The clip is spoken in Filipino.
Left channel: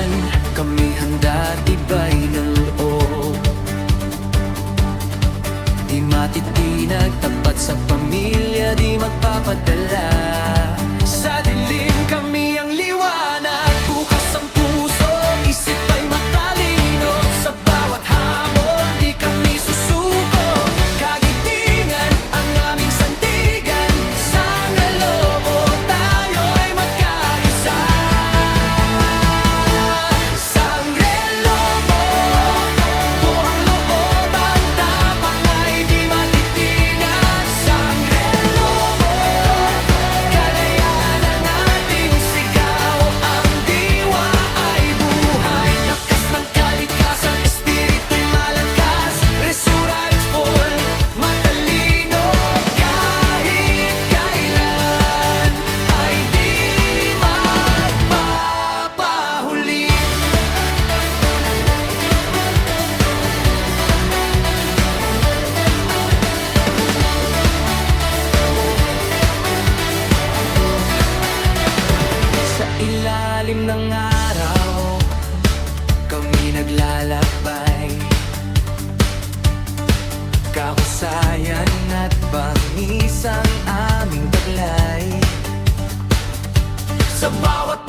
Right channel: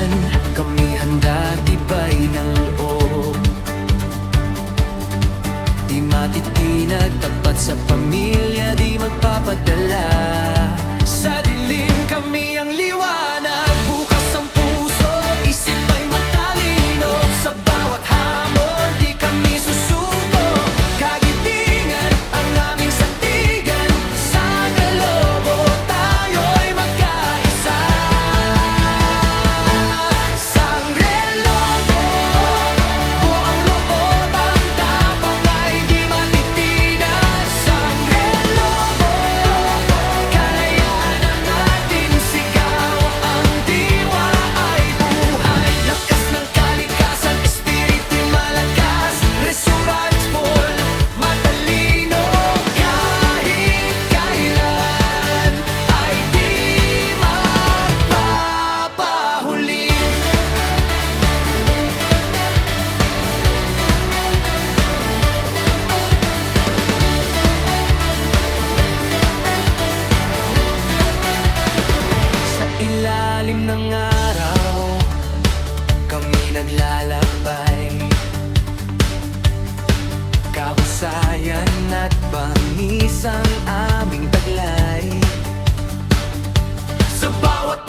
kailanman kami handa tibay ng loob. Di matitinag, tapat sa pamilya, di magpapadala. Sa dilim kami ang liwanag, bukas ang puso, isip ay matalino. Sa bawat hamon, di kami susuko. Kagitingan ang aming sandigan, Sangre Lobo, tayo'y magkaisa. Sangre Lobo, buong loob, ang tapang ay di matitinag. Sangre Lobo, kalayaan ang ating sigaw. Ang diwa ay buhay, lakas ng kalikasan, espiritu'y malakas. Resurrectful, matalino, kahit kailan ay di magpapahuli. Sa ilalim ng araw, kami naglalakbay. Kahusayan at bangis ang aming taglay. Sa bawat